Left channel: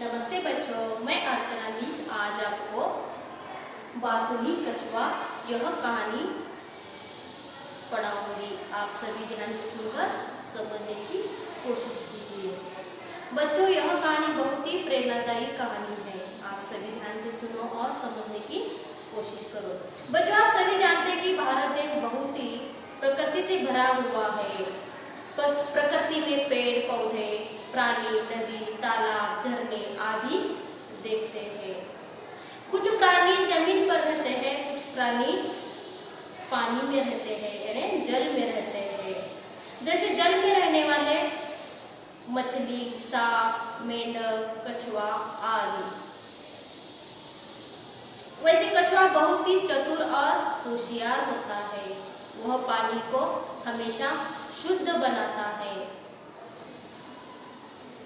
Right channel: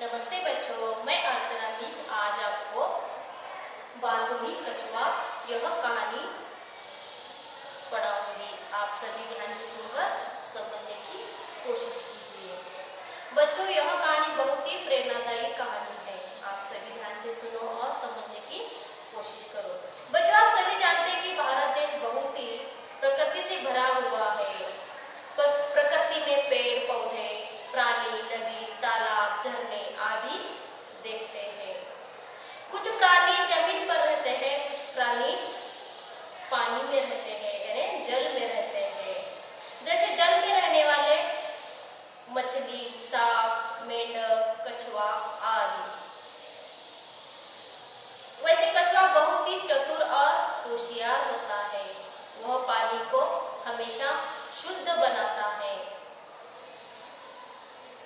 नमस्ते बच्चों, मैं अर्चना मिस आज आपको बातुनी कछुआ यह कहानी पढ़ाऊंगी। आप सभी ध्यान से सुनकर समझने की कोशिश कीजिए। बच्चों, यह कहानी बहुत ही प्रेरणादायी कहानी है। आप सभी ध्यान से सुनो और समझने की कोशिश करो। बच्चों, आप सभी जानते हैं कि भारत देश बहुत ही प्रकृति से भरा हुआ है। प्रकृति में पेड़ पौधे, प्राणी, नदी, तालाब, झरने आदि देखते हैं। कुछ प्राणी जमीन पर रहते हैं, कुछ प्राणी पानी में रहते हैं, यानी जल में रहते हैं। जैसे जल में रहने वाले मछली, सांप, मेंढक, कछुआ आदि। वैसे कछुआ बहुत ही चतुर और होशियार होता है। वह पानी को हमेशा शुद्ध बनाता है,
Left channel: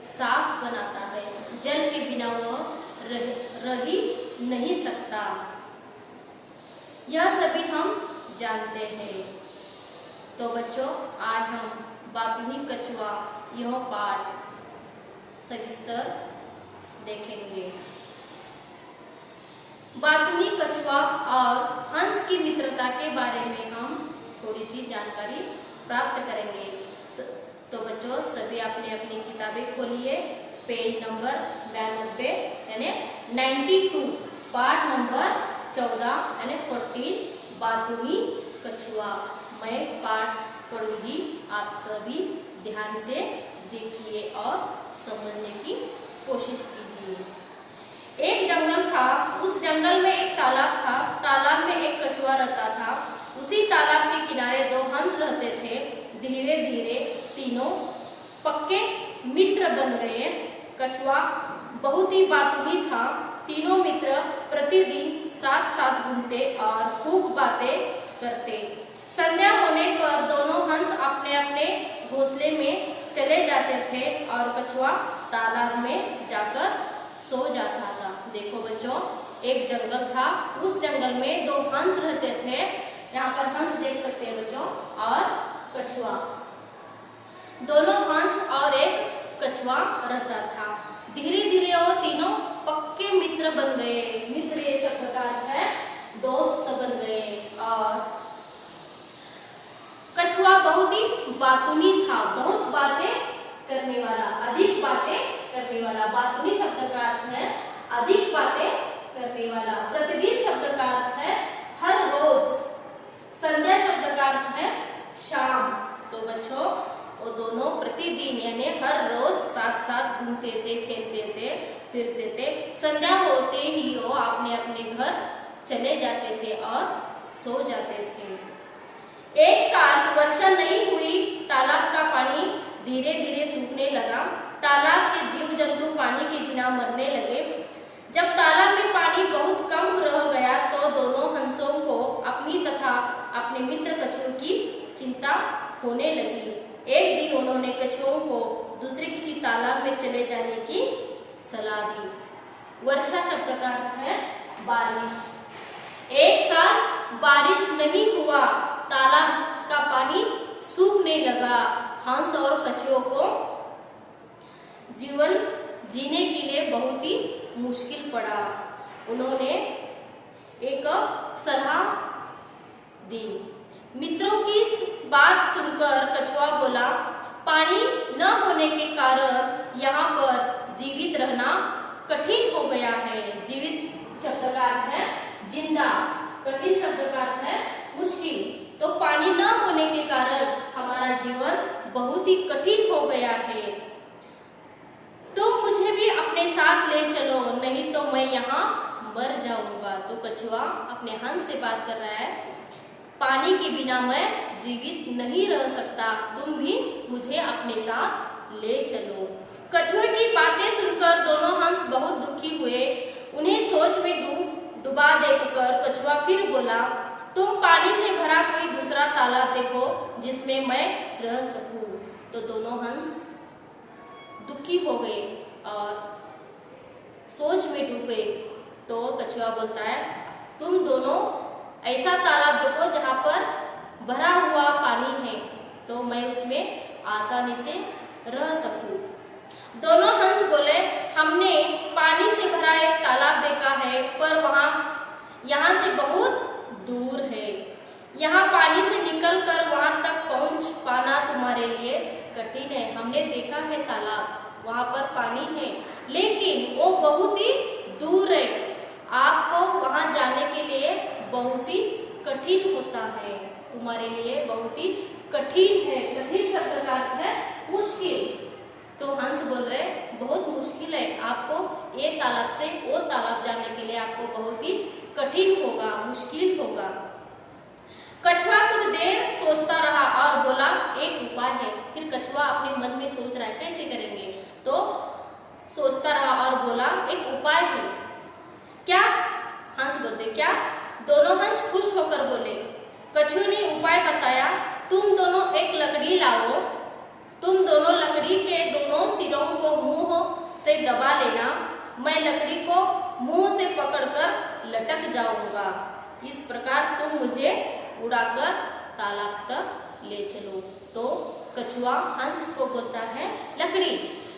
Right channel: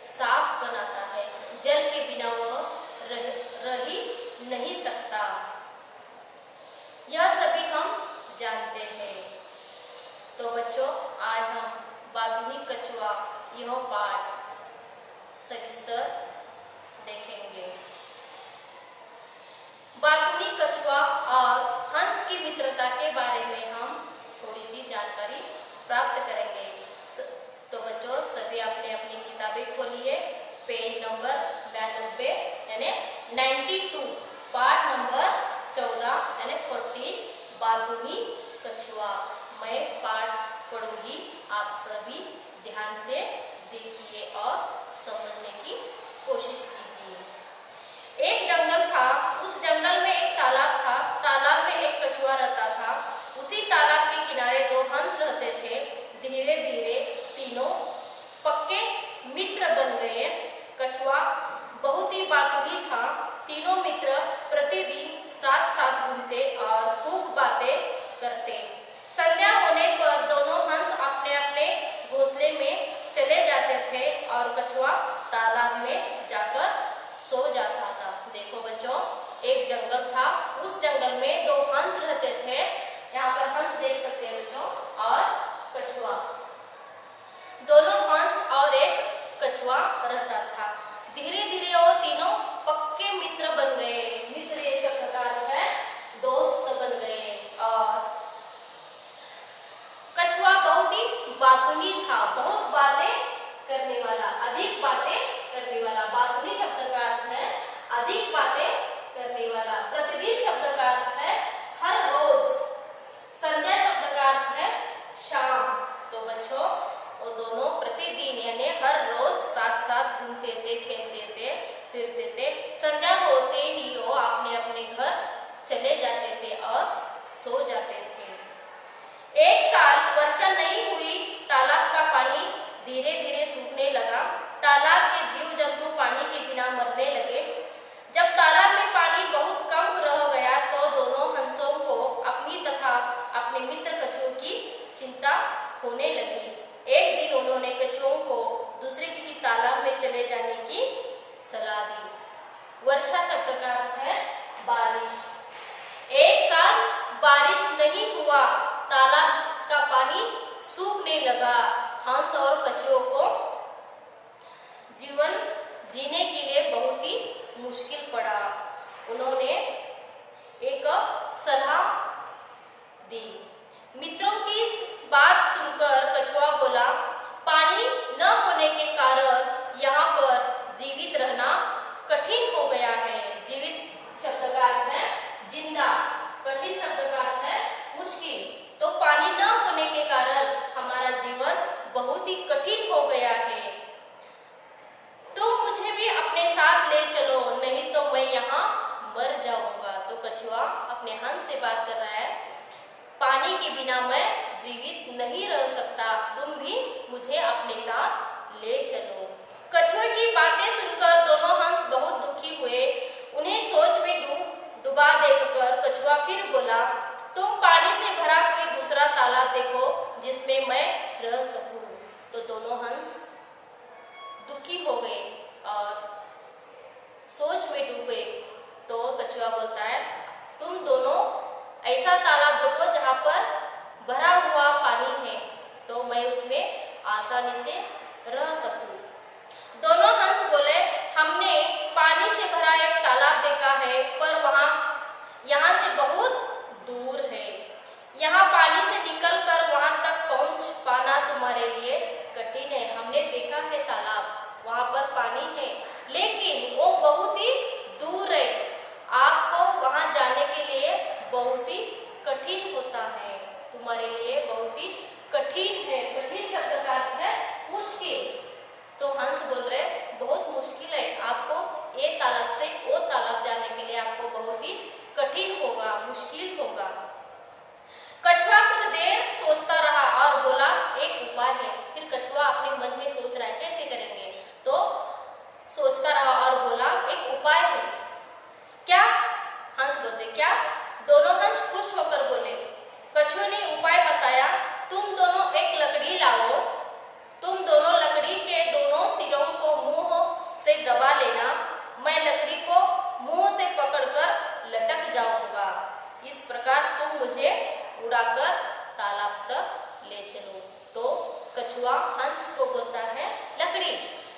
साफ बनाता है। जल के बिना वह रह ही नहीं सकता। यह सभी हम जानते हैं। तो बच्चों, आज हम बातुनी कछुआ यह पाठ सविस्तर देखेंगे। बातुनी कछुआ और हंस की मित्रता के बारे में हम थोड़ी सी जानकारी प्राप्त करेंगे। तो बच्चों, सभी अपने अपनी किताबें खोलिए। पेज नंबर 92 यानी 92, पाठ नंबर 14 यानी 14, बातुनी कछुआ। मैं पाठ पढ़ूंगी, आप सभी ध्यान से देखिए और समझने की कोशिश कीजिए। एक जंगल था, उस जंगल में एक तालाब था। तालाब में एक कछुआ रहता था। उसी तालाब के किनारे दो हंस रहते थे। धीरे धीरे तीनों पक्के मित्र बन गए। कछुआ बहुत ही बातूनी था। तीनों मित्र प्रतिदिन साथ साथ घूमते और खूब बातें करते। संध्या होने पर दोनों हंस अपने अपने घोंसले में चले जाते थे और कछुआ तालाब में जाकर सो जाता था। देखो बच्चों, एक जंगल था, उस जंगल में दो हंस रहते थे। यहाँ पर हंस देख सकते हैं बच्चों, और कछुआ। दोनों हंस और एक कछुआ रहता था। धीरे धीरे वो तीनों पक्के मित्र बन गए। मित्र ये शब्द का अर्थ है दोस्त बन गए। और कछुआ बहुत ही बातूनी था, बहुत बातें करने वाला, अधिक बातें करने वाला। बातूनी शब्द का अर्थ है अधिक बातें करने वाला। प्रतिदिन शब्द का अर्थ है हर रोज। संध्या शब्द का अर्थ है शाम। तो बच्चों, वो दोनों प्रतिदिन यानी हर रोज साथ साथ घूमते थे, खेलते थे, फिरते थे। संध्या होते ही वो अपने अपने घर चले जाते थे और सो जाते थे। एक साल वर्षा नहीं हुई। तालाब का पानी धीरे धीरे सूखने लगा। तालाब के जीव जंतु पानी के बिना मरने लगे। जब तालाब में पानी बहुत कम रह गया तो दोनों हंसों को अपनी तथा अपने मित्र कछुओं की चिंता होने लगी। एक दिन उन्होंने कछुओं को दूसरे किसी तालाब में चले जाने की सलाह दी। वर्षा शब्द का अर्थ है बारिश। एक साल बारिश नहीं हुआ, तालाब का पानी सूखने लगा। हंस और कछुओं को जीवन जीने के लिए बहुत ही मुश्किल पड़ा। उन्होंने एक सलाह दी। मित्रों की बात सुनकर कछुआ बोला, पानी न होने के कारण यहाँ पर जीवित रहना कठिन हो गया है। जीवित शब्द का अर्थ है जिंदा, कठिन शब्द का अर्थ है मुश्किल। तो पानी न होने के कारण हमारा जीवन बहुत ही कठिन हो गया है। तुम मुझे भी अपने साथ ले चलो, नहीं तो मैं यहाँ मर जाऊंगा। तो कछुआ अपने हंस से बात कर रहा है, पानी के बिना मैं जीवित नहीं रह सकता, तुम भी मुझे अपने साथ ले चलो। कछुए की बातें सुनकर दोनों हंस बहुत दुखी हुए। उन्हें सोच में डुबा देखकर कछुआ फिर बोला, तुम पानी से भरा कोई दूसरा तालाब देखो जिसमें मैं रह सकूं। तो दोनों हंस दुखी हो गए और सोच में डूब गए। तो कछुआ बोलता है, तुम दोनों ऐसा तालाब देखो जहां पर भरा हुआ पानी है, तो मैं उसमें आसानी से रह सकूं। दोनों हंस बोले, हम हमने पानी से भरा एक तालाब देखा है, पर यहाँ से बहुत दूर है। यहाँ पानी से निकलकर वहां तक पहुंच पाना तुम्हारे लिए कठिन है। हमने देखा है तालाब, वहां पर पानी है, लेकिन वो बहुत ही दूर है। आपको वहां जाने के लिए बहुत ही कठिन होता है, तुम्हारे लिए बहुत ही कठिन है। कठिन शब्द का अर्थ है मुश्किल। तो हंस बोल रहे बहुत मुश्किल है, आपको ये तालाब से वो तालाब जाने के लिए आपको बहुत ही कठिन होगा, मुश्किल होगा। कछुआ कुछ देर सोचता रहा और बोला एक उपाय है। फिर कछुआ अपने मन में सोच रहा है कैसे करेंगे, तो सोचता रहा और बोला एक उपाय है। क्या? हंस बोलते क्या? दोनों हंस खुश होकर बोले। कछुए ने उपाय बताया, तुम दोनों एक लकड़ी लाओ, तुम दोनों लकड़ी के दोनों सिरों को मुंह से दबा लेना, मैं लकड़ी को मुंह से पकड़कर लटक जाऊंगा। इस प्रकार तुम मुझे उड़ाकर तालाब तक ले चलो। तो कछुआ हंस को बोलता है लकड़ी,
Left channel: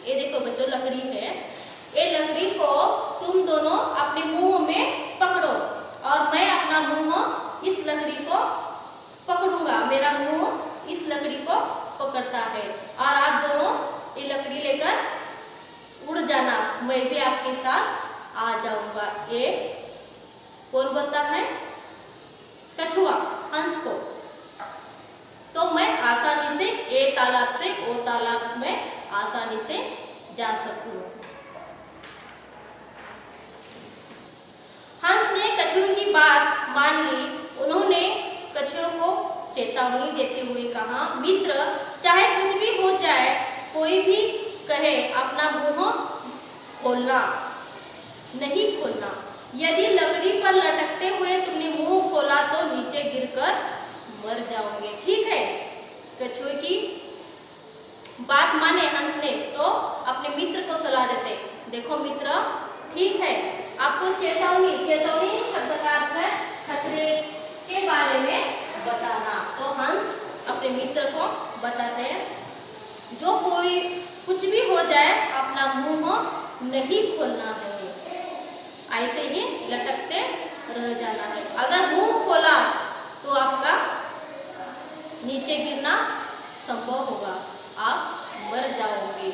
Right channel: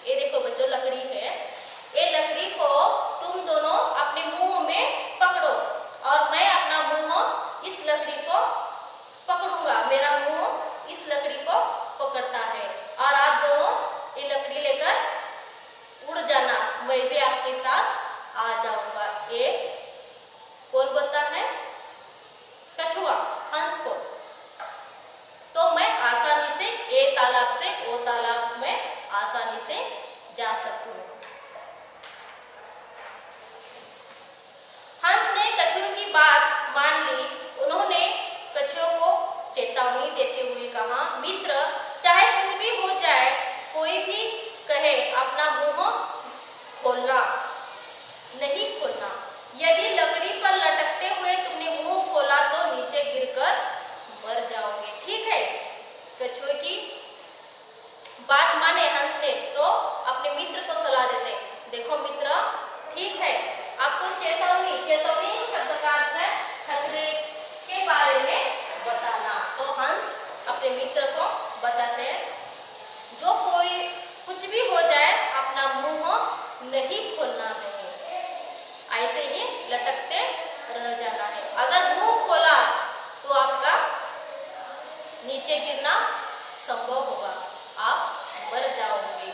ये देखो बच्चों लकड़ी है, ये लकड़ी को तुम दोनों अपने मुंह में पकड़ो और मैं अपना मुंह इस लकड़ी को पकड़ूंगा, मेरा मुंह इस लकड़ी को पकड़ता है और आप दोनों ये लकड़ी लेकर उड़ जाना, मैं भी आपके साथ आ जाऊंगा। ये कौन बोलता है? कछुआ हंस को। तो मैं आसानी से ए तालाब से ओ तालाब में आसानी से जा सकूं। हंस ने कछुए की बात मान ली। उन्होंने कछुए को चेतावनी देते हुए कहा, मित्र चाहे कुछ भी हो जाए, कोई भी कहे अपना मुंह खोलना नहीं खोलना। यदि लकड़ी पर लटकते हुए तुमने मुंह खोला तो नीचे गिरकर मर जाओगे। ठीक है? कछुए की बात माने हंस ने, तो अपने मित्र को सलाह देते, देखो मित्र ठीक है, आपको चेतावनी, चेतावनी शब्द का अर्थ है खतरे के बारे में बताना। तो हंस अपने मित्र को बताते हैं, जो कोई कुछ भी हो जाए अपना मुंह नहीं खोलना है, ऐसे ही लटकते रह जाना है। अगर मुंह खोला तो आपका नीचे गिरना संभव होगा, आप मर जाओगे।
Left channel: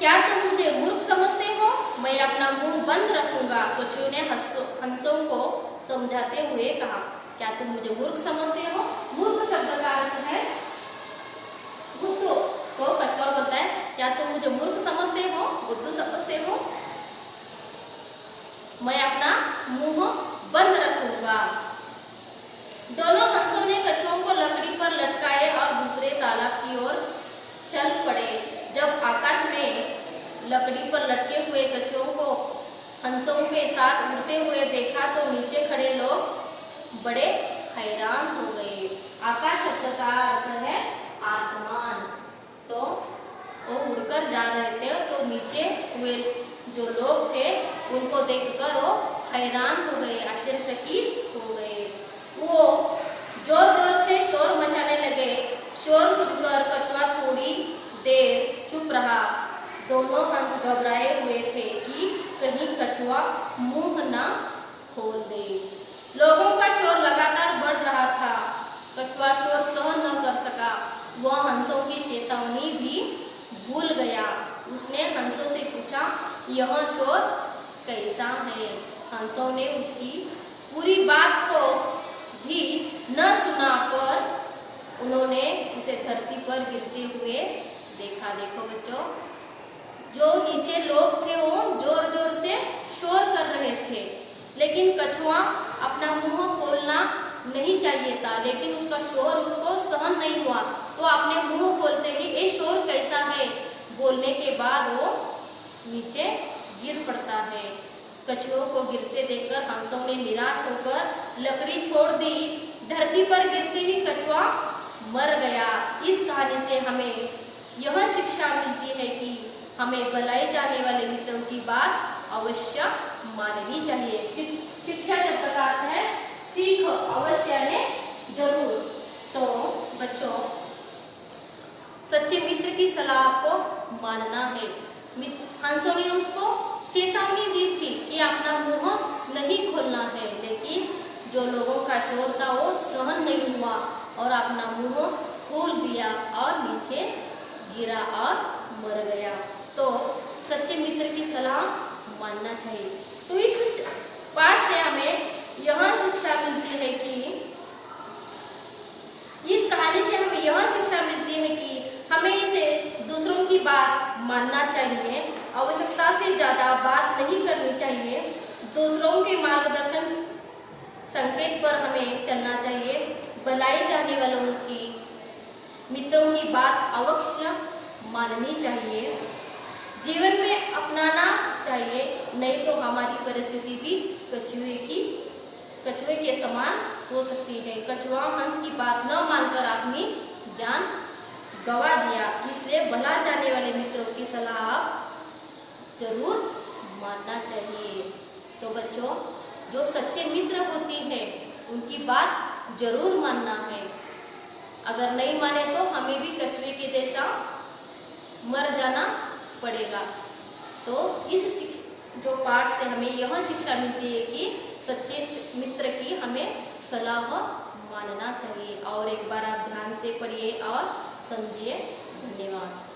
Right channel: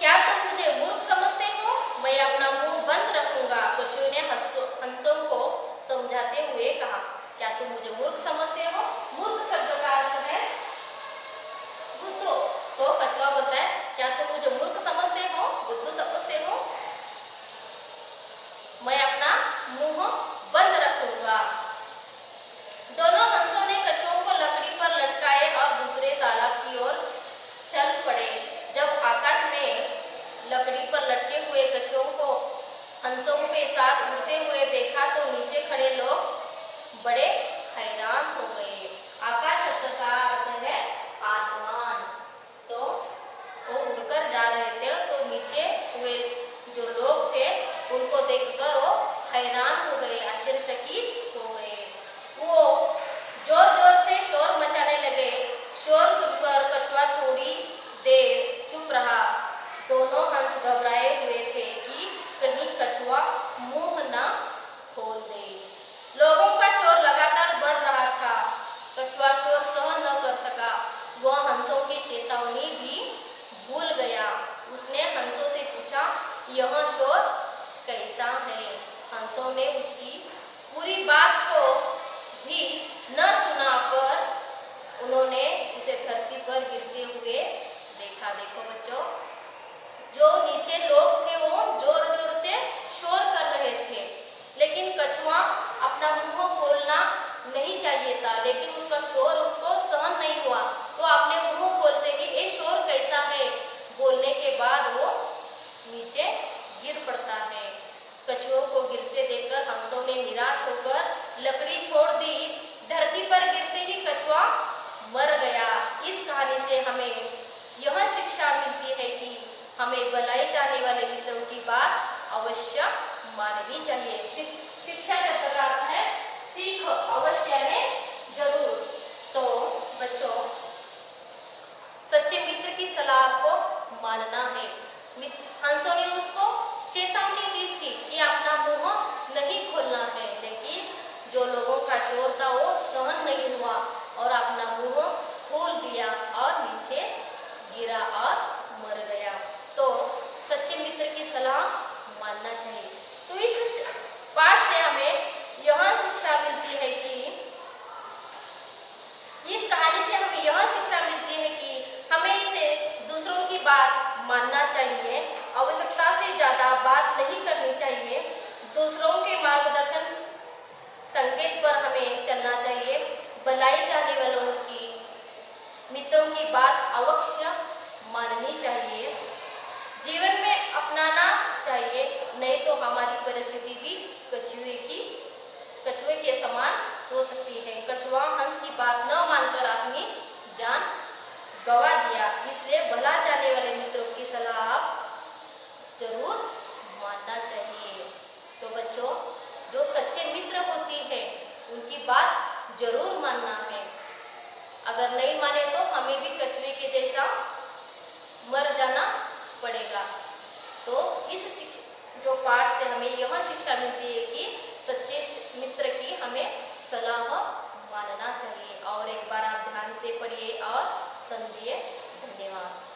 क्या तुम मुझे मूर्ख समझते हो? मैं अपना मुंह बंद रखूंगा। कछुए ने हंसों को समझाते हुए कहा, क्या तुम मुझे मूर्ख समझते हो? मूर्ख शब्द का अर्थ है बुद्धू। तो कछुआ बोलता है, क्या तुम मुझे मूर्ख समझते हो, बुद्धू समझते हो? मैं अपना मुंह बंद रखूंगा। दोनों हंसों ने कछुओं को लकड़ी पर लटकाए और दूसरे तालाब की ओर चल पड़े। जब आकाश में लकड़ी पर लटके हुए कछुओं को हंसों के साथ उड़ते हुए देखा तो नीचे खड़े लोग बड़े हैरान हो गए। आकाश शब्द का अर्थ है आसमान। तो वो उड़कर जा रहे थे, तो नीचे हुए जो लोग थे उनको देखकर वो हैरान हो गए, आश्चर्यचकित हो गए। वो जोर जोर से शोर मचाने लगे। शोर सुनकर कछुआ थोड़ी देर चुप रहा। दोनों हंस घबराए हुए थे कि कहीं कछुआ मुंह न खोल दे। लोगों का शोर लगातार बढ़ रहा था। कछुआ शोर सहन न कर सका। वह हंसों की चेतावनी भी भूल गया। उसने हंसों से पूछा, यह शोर कैसा है? हंसों ने उसकी पूरी बात को भी न सुना, पर उन्होंने उसे धरती पर गिरते हुए देखा। देखो बच्चों, जो नीचे लोग थे वो जोर जोर से शोर कर रहे थे, लेकिन कछुआ अपना मुंह खोलना नहीं चाहिए था, लेकिन उसका शोर उसको सहन नहीं हुआ, तो अपने मुंह खोलते ही ये शोर कैसा है बोलने के बाद वो नीचे गिर पड़ता है। कछुओं को गिरते देखकर हंसों ने निराश होकर लकड़ी छोड़ दी। धरती पर गिरते ही कछुआ मर गया। इस कहानी से हमें यह शिक्षा मिलती है कि हमें बुलाए जाने वाले मित्रों की बात अवश्य माननी चाहिए। शिक्षा शब्द का अर्थ है सीख, अवश्य है जरूर। तो बच्चों, सच्चे मित्र की सलाह आपको मानना है। हंसों ने उसको चेतावनी दी थी कि अपना मुंह नहीं खोलना है, लेकिन जो लोगों का शोर था वो सहन नहीं हुआ और अपना मुंह खोल दिया और नीचे गिरा और मर गया। तो सच्चे मित्र की सलाह मानना चाहिए। तो इस पाठ से हमें यह शिक्षा मिलती है कि इस कहानी से हमें यह शिक्षा मिलती है कि हमें इसे दूसरों की बात मानना चाहिए, आवश्यकता से ज्यादा बात नहीं करनी चाहिए, दूसरों के मार्गदर्शन संकेत पर हमें चलना चाहिए, बुलाए जाने वालों की मित्रों की बात अवश्य माननी चाहिए, जीवन में अपनाना चाहिए, नहीं तो हमारी परिस्थिति भी कछुए के समान हो सकती है। कछुआ हंस की बात न मानकर अपनी जान गवा दिया, इसलिए भला जाने वाले मित्रों की सलाह आप जरूर मानना चाहिए। तो बच्चों, जो सच्चे मित्र होती है उनकी बात जरूर मानना है, अगर नहीं माने तो हमें भी कछुए के जैसा मर जाना पड़ेगा। तो इस जो पाठ से हमें यह शिक्षा मिलती है कि सच्चे मित्र की हमें सलाह मानना चाहिए। और एक बार आप ध्यान से पढ़िए और समझिए। धन्यवाद।